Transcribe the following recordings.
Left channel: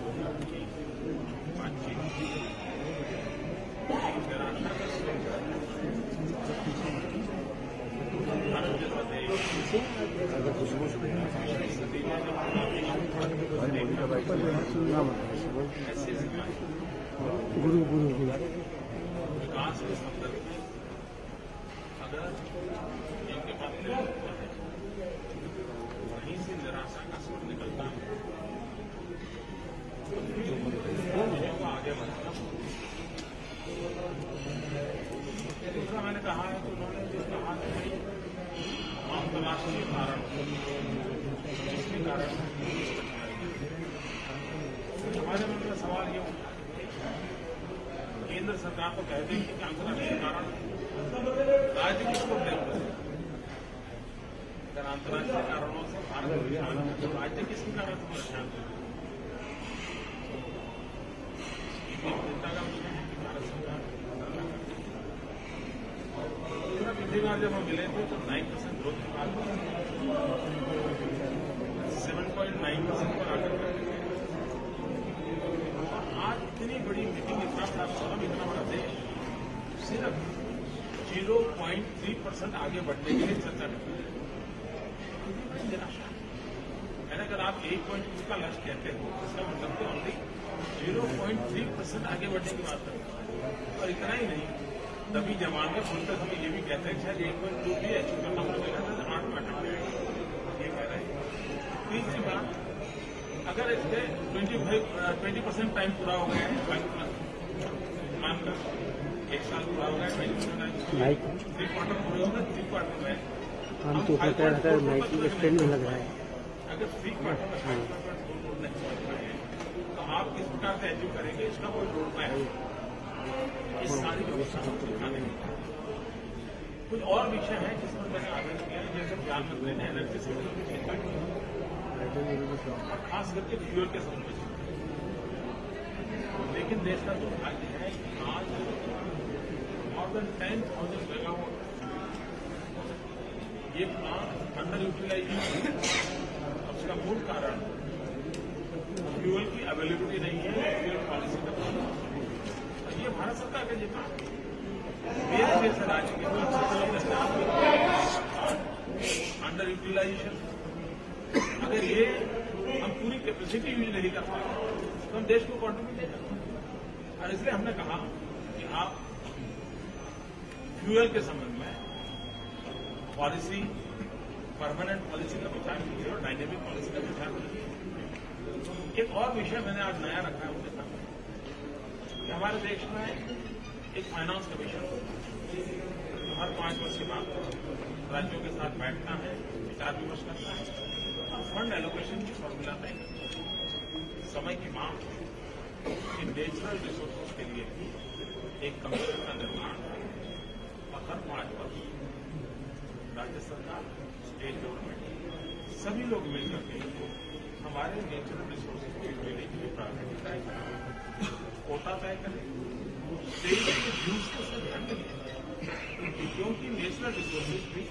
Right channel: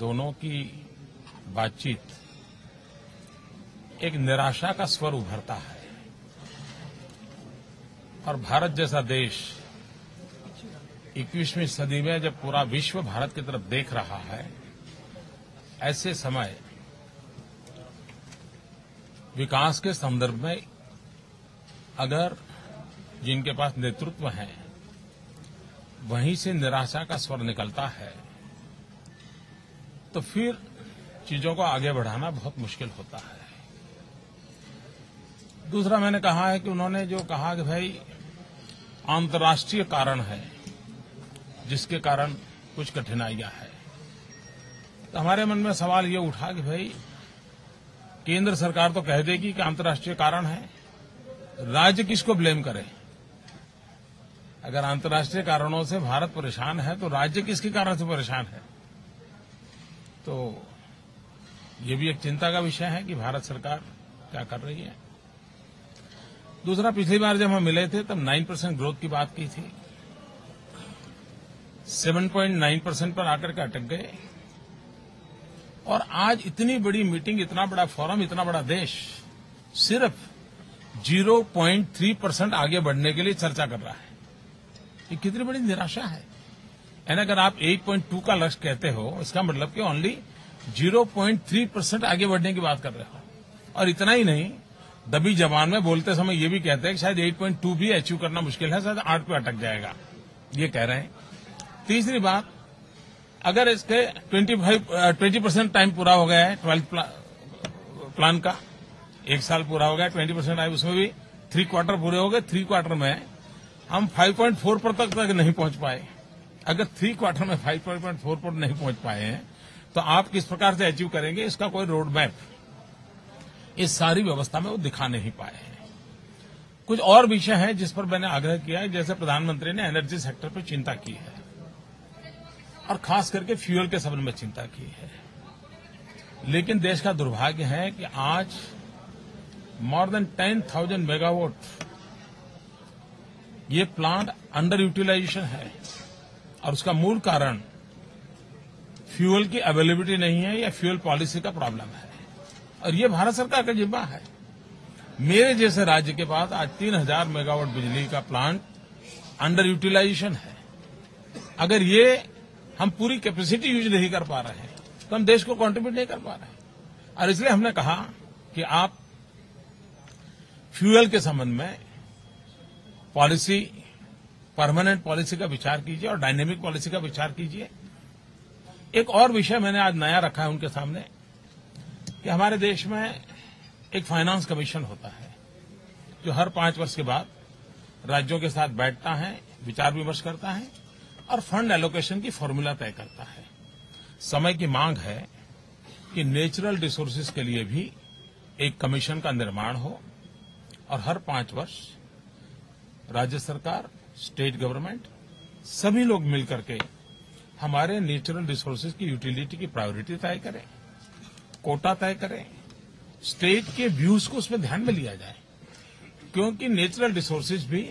दोनों की बातचीत एक निराशा का स्वर उभरता है और भारत जैसा देश 21वीं सदी में जब पूरा विश्व भारत की तरफ देख रहा है, ऐसे समय विकास के संदर्भ में अगर जिनके पास नेतृत्व है वहीं से निराशा का स्वर निकलता है तो फिर चीजों को आगे बढ़ाना बहुत मुश्किल होता है। दूसरा मैंने कहा है कि उन्होंने जो कहा कि भाई अंतर्राष्ट्रीय कारण है जिसके कारण कुछ कठिनाइयां हैं, तो हमारे मन में सवाल ये उठा कि भाई केंद्र सरकार तो कह देगी कि अंतर्राष्ट्रीय कारण है, राज्य किसको ब्लेम करे? अगर अंतर्राष्ट्रीय कारणों से भारत परेशान है तो राज्य किसके कारण से परेशान है? तो ये भी एक चिंता का विषय है कि भारत सरकार क्या कर रही है। दूसरा, पिछली बार जब हम मिले थे तब 9% ग्रोथ की बात की थी, 7.9% पर आकर के अटक गए और आज इतनी बड़ी मीटिंग, इतना बड़ा फोरम, इतना बड़ा देश सिर्फ 0.3% आगे बढ़ने के लिए चर्चा कर रहा है। ये कितनी बड़ी निराशा है। यानी अगर आप 8.2 का लक्ष्य कहते हो, इसका मतलब कि ओनली 0.3% आगे बढ़ने की बात कर रहे हो। और इतना ही नहीं, दबी जबान में बोलते समय ये भी कहते हैं कि शायद 8.2 भी अचीव करना मुश्किल है, शायद 8 पे अटक जाएगा, ये कह रहे हैं। तीसरी बात, अगर इसके 20% टाइम पूरा हो गया है 12th प्लान का, 1 साल पूरा हो गया, 20% टाइम, उसमें भी 3 क्वार्टर पूरे हो गए। 3 क्वार्टर में हम 5.4 पर तक नहीं पहुंच पाए। अगर 3 क्वार्टर में 5.4 पर नहीं पहुंच पाए हैं तो आप किस प्रकार से अचीव करेंगे? इसका कोई रोड मैप इस सारी व्यवस्था में वो दिखा नहीं पाए। कुछ और विषय है जिस पर मैंने आग्रह किया है, जैसे प्रधानमंत्री ने एनर्जी सेक्टर पर चिंता की है और खास करके फ्यूल के संबंध में चिंता की है। लेकिन देश का दुर्भाग्य है कि आज मोर देन 10,000 मेगावाट ये प्लांट अंडर यूटिलाइजेशन है और उसका मूल कारण फ्यूल की अवेलेबिलिटी नहीं है या फ्यूल पॉलिसी का प्रॉब्लम है और ये भारत सरकार का जिम्मा है। मेरे जैसे राज्य के पास आज 3,000 मेगावाट बिजली का प्लांट अंडर यूटिलाइजेशन है। अगर ये हम पूरी कैपेसिटी यूज नहीं कर पा रहे हैं तो हम देश को कंट्रीब्यूट नहीं कर पा रहे हैं। और इसलिए हमने कहा कि आप फ्यूल के संबंध में पॉलिसी, परमानेंट पॉलिसी का विचार कीजिए और डायनेमिक पॉलिसी का विचार कीजिए। एक और विषय मैंने आज नया रखा है उनके सामने कि हमारे देश में एक फाइनेंस कमीशन होता है जो हर 5 वर्ष के बाद राज्यों के साथ बैठता है, विचार विमर्श करता है और फंड एलोकेशन की फॉर्मूला तय करता है। समय की मांग है कि नेचुरल रिसोर्सेज के लिए भी एक कमीशन का निर्माण हो और हर 5 वर्ष राज्य सरकार, स्टेट गवर्नमेंट, सभी लोग मिलकर के हमारे नेचुरल रिसोर्सेज की यूटिलिटी की प्रायोरिटी तय करें, कोटा तय करें, स्टेट के व्यूज को उसमें ध्यान में लिया जाए, क्योंकि नेचुरल रिसोर्सेज भी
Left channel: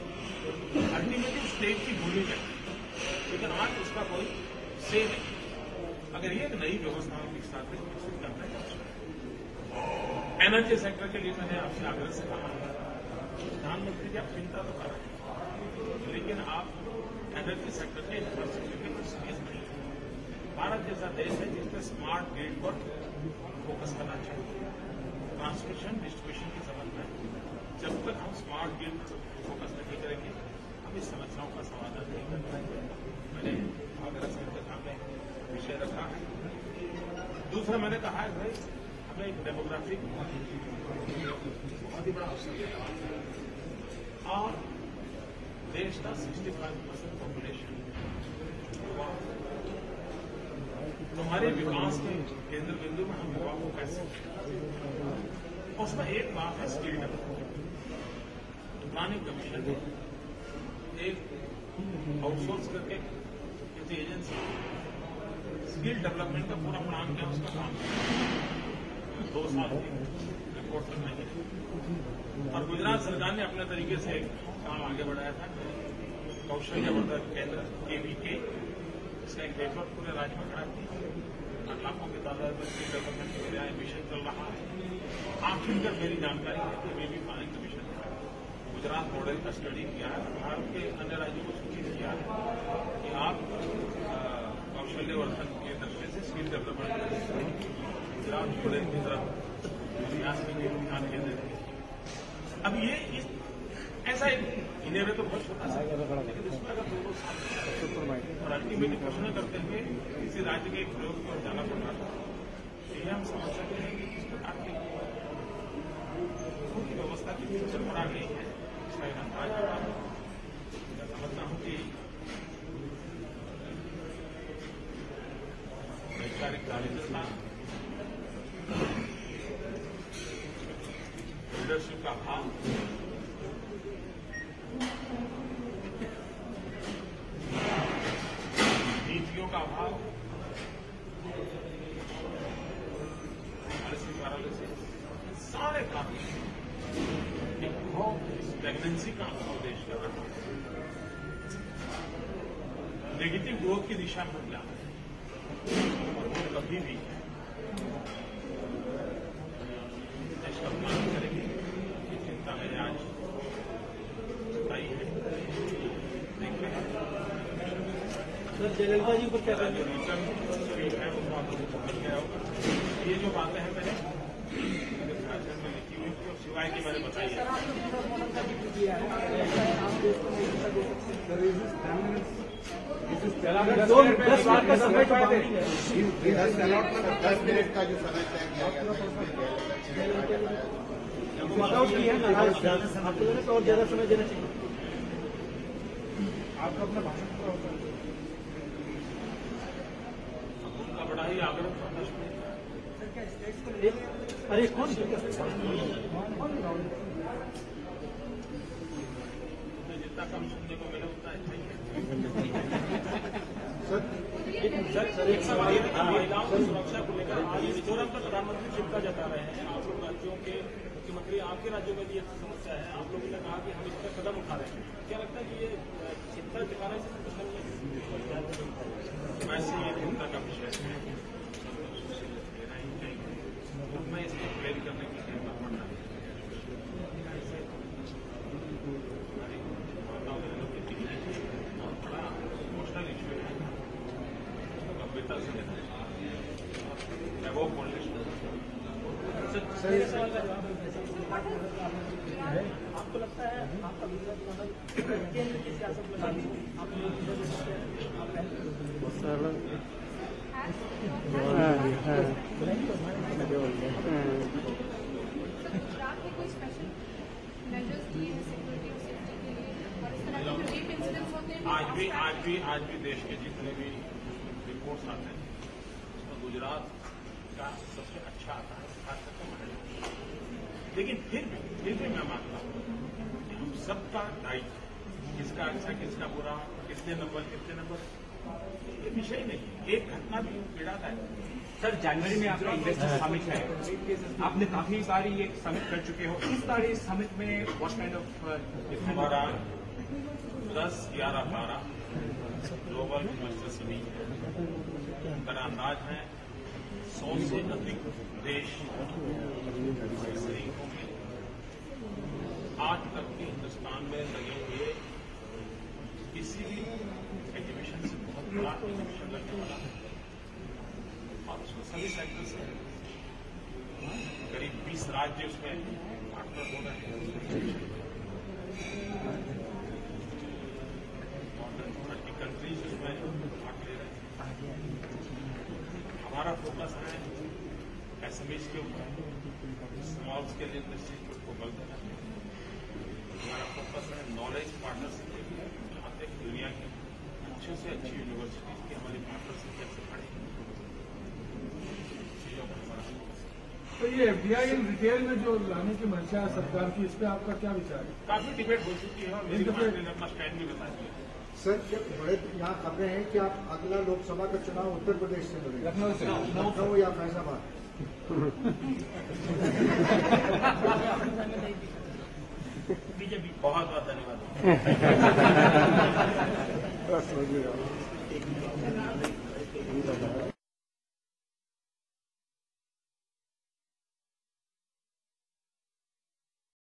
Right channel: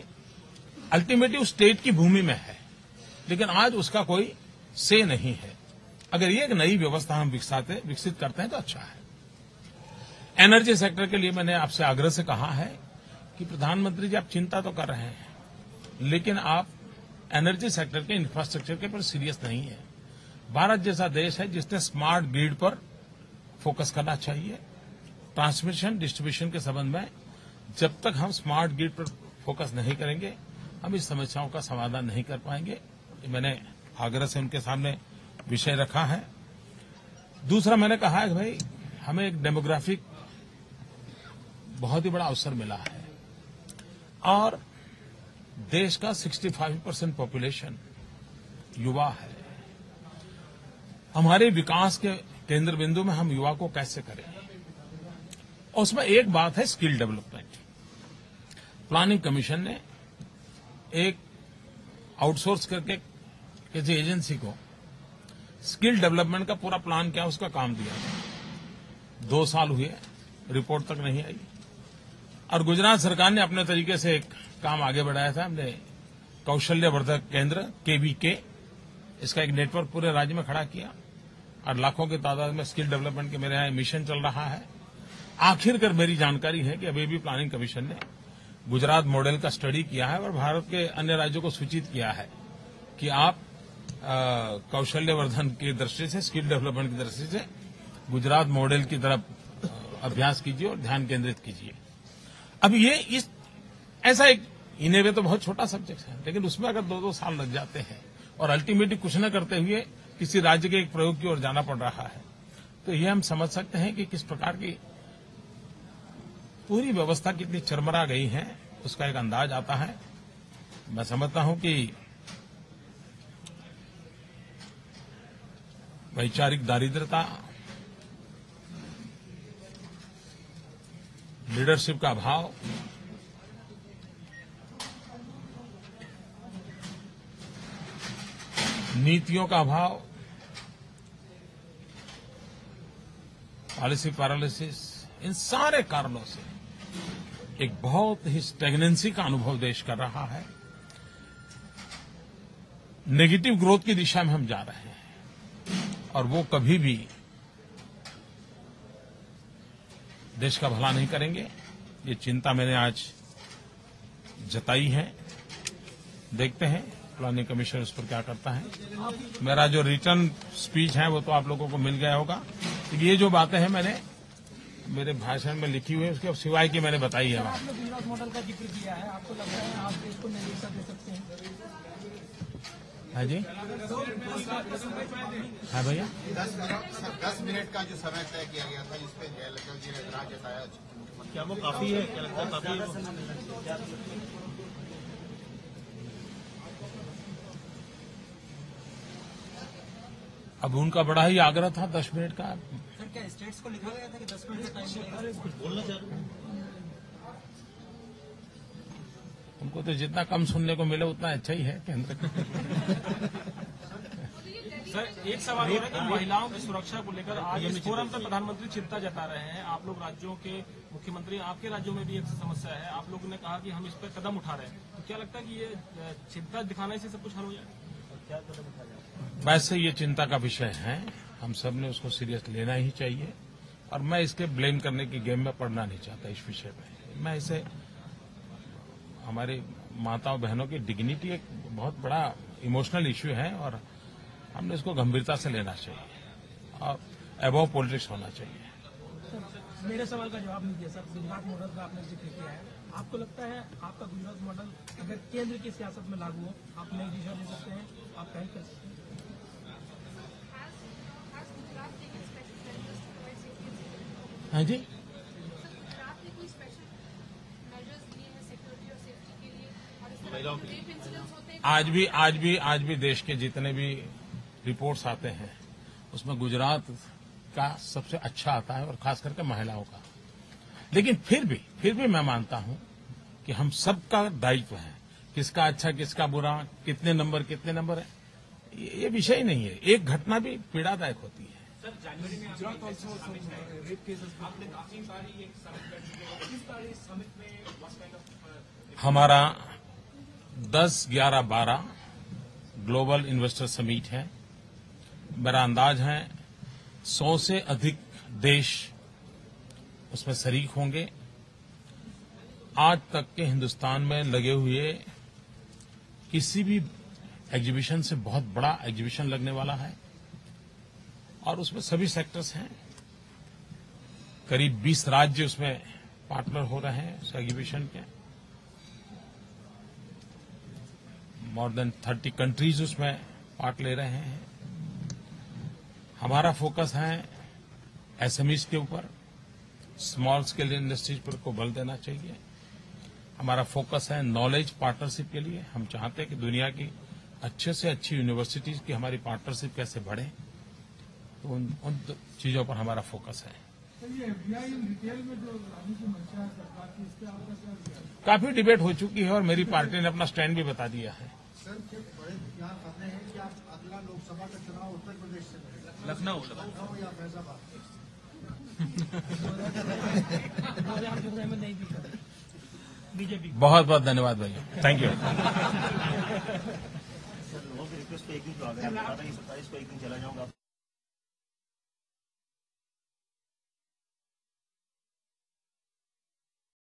अल्टीमेटली स्टेट की भूमि में है, लेकिन आज उसका कोई से नहीं है। अगर ये एक नई व्यवस्था हम विकसित करते हैं तो अच्छा है। एनर्जी सेक्टर के लिए मैंने आपसे आग्रह से कहा है कि प्रधानमंत्री जी, आप चिंता तो कर रहे हैं लेकिन आप एनर्जी सेक्टर के इंफ्रास्ट्रक्चर के पर सीरियस नहीं है। भारत जैसा देश है जिसने स्मार्ट ग्रिड पर फोकस करना चाहिए। ट्रांसमिशन डिस्ट्रीब्यूशन के संबंध में जब तक हम स्मार्ट ग्रिड पर फोकस नहीं करेंगे हम इस समस्याओं का समाधान नहीं कर पाएंगे। मैंने आग्रह से उनके सामने विषय रखा है। दूसरा, मैंने कहा है कि भाई हमें एक डेमोग्राफिक बहुत ही बड़ा अवसर मिला है और देश का 65% पॉपुलेशन युवा है। हमारे विकास के केंद्र बिंदु में हम युवा को कैसे करें? और उसमें एक बात है स्किल डेवलपमेंट। प्लानिंग कमीशन ने एक आउटसोर्स करके किसी एजेंसी को स्किल डेवलपमेंट का पूरा प्लान किया, उसका काम किया। 2 साल हुए, रिपोर्ट तक नहीं आई और गुजरात सरकार ने अपने तरीके से एक काम आगे बढ़ाया था। हमने कौशल्यवर्धक केंद्र KVK, इसका एक नेटवर्क पूरे राज्य में खड़ा किया और लाखों की तादाद में स्किल डेवलपमेंट के मेरे यहाँ मिशन चल रहा है। आखिरकार मेरी जानकारी है कि अभी भी प्लानिंग कमीशन ने गुजरात मॉडल का स्टडी किया है और भारत के अन्य राज्यों को सूचित किया है कि आप कौशल्यवर्धन की दृष्टि से, स्किल डेवलपमेंट की दृष्टि से गुजरात मॉडल की तरफ अभ्यास कीजिए और ध्यान केंद्रित कीजिए। अब ये ऐसा एक इन्हें तो बहुत छोटा सब्जेक्ट है, लेकिन उसमें अगर 2-2 साल लग जाते हैं और अल्टीमेटली कुछ न करते हुए किसी राज्य के एक प्रयोग की ओर जाना पड़ रहा है, तो ये हम समझ सकते हैं कि किस प्रकार की पूरी व्यवस्था कितनी चरमरा गई है, उसका एक अंदाज आता है। मैं समझता हूं कि वैचारिक दारिद्रता, लीडरशिप का अभाव, नीतियों का अभाव, पॉलिसी पैरालिसिस, इन सारे कारणों से एक बहुत ही स्टैग्नेंसी का अनुभव देश कर रहा है। नेगेटिव ग्रोथ की दिशा में हम जा रहे हैं और वो कभी भी देश का भला नहीं करेंगे। ये चिंता मैंने आज जताई है। देखते हैं प्लानिंग कमीशन उसको क्या करता है। मेरा जो रिटर्न स्पीच है वो तो आप लोगों को मिल गया होगा। ये जो बातें हैं मैंने मेरे भाषण में लिखी हुई है, उसके सिवाय की मैंने बताई है। हाँ जी, 10 मिनट का जो समय तय किया गया था अब उनका बड़ा ही आग्रह था 10 मिनट का। उनको तो जितना कम सुनने को मिले उतना अच्छा ही है। सर, एक सवाल महिलाओं की सुरक्षा को लेकर आज इस फोरम पर प्रधानमंत्री चिंता जता रहे हैं। आप लोग राज्यों के मुख्यमंत्री, आपके राज्यों में भी ये समस्या है, आप लोगों ने कहा कि हम इस पर कदम उठा रहे हैं। क्या लगता है कि ये चिंता दिखाने से सब कुछ हल हो जाएगा? वैसे ये चिंता का विषय है, हम सब ने उसको सीरियस लेना ही चाहिए और मैं इसके ब्लेम करने की गेम में पड़ना नहीं चाहता इस विषय में। मैं इसे हमारी माताओं बहनों की डिग्निटी एक बहुत बड़ा इमोशनल इश्यू है और हमने इसको गंभीरता से लेना चाहिए और अबव पॉलिटिक्स होना चाहिए। मेरे सवाल का जवाब आपको लगता है आपका गुजरात मॉडल केंद्र की सियासत में लागू हो, आप लोग दे सकते हैं? हाँ जी, आज भी देश के जितने भी रिपोर्ट्स आते हैं उसमें गुजरात का सबसे अच्छा आता है और खास करके महिलाओं का। लेकिन फिर भी मैं मानता हूं कि हम सबका दायित्व है, किसका अच्छा किसका बुरा, कितने नंबर है, ये विषय ही नहीं है। एक घटना भी पीड़ादायक होती है। सर, जनवरी में आपका इन्वेस्टर समिट है, आपने काफी बारी ये समिट कर चुके हो। इस बार इस समिट में व्हाट काइंड ऑफ हमारा 10, 11, 12 ग्लोबल इन्वेस्टर समिट है। मेरा अंदाज है 100 से अधिक देश उसमें शरीक होंगे। आज तक के हिंदुस्तान में लगे हुए किसी भी एग्जीबिशन से बहुत बड़ा एग्जीबिशन लगने वाला है और उसमें सभी सेक्टर्स हैं। करीब 20 राज्य उसमें पार्टनर हो रहे हैं उस एग्जीबिशन के। मोर देन 30 कंट्रीज उसमें पार्ट ले रहे हैं। हमारा फोकस है एसएमईज के ऊपर, स्मॉल स्केल इंडस्ट्रीज पर को बल देना चाहिए। हमारा फोकस है नॉलेज पार्टनरशिप के लिए। हम चाहते हैं कि दुनिया की अच्छे से अच्छी यूनिवर्सिटीज की हमारी पार्टनरशिप कैसे बढ़े, उन चीजों पर हमारा फोकस है। तो ये एफडीआई रिटेल में जो लाने की मंशा है सरकार की, इस पर आपका क्या विचार है? काफी डिबेट हो चुकी है और मेरी पार्टी ने अपना स्टैंड भी बता दिया है। सर, बड़े यहाँ खबरें हैं कि आप अगला लोकसभा का चुनाव उत्तर प्रदेश से लड़ेंगे, लखनऊ या फैजाबाद? बहुत बहुत धन्यवाद भाई, थैंक यू।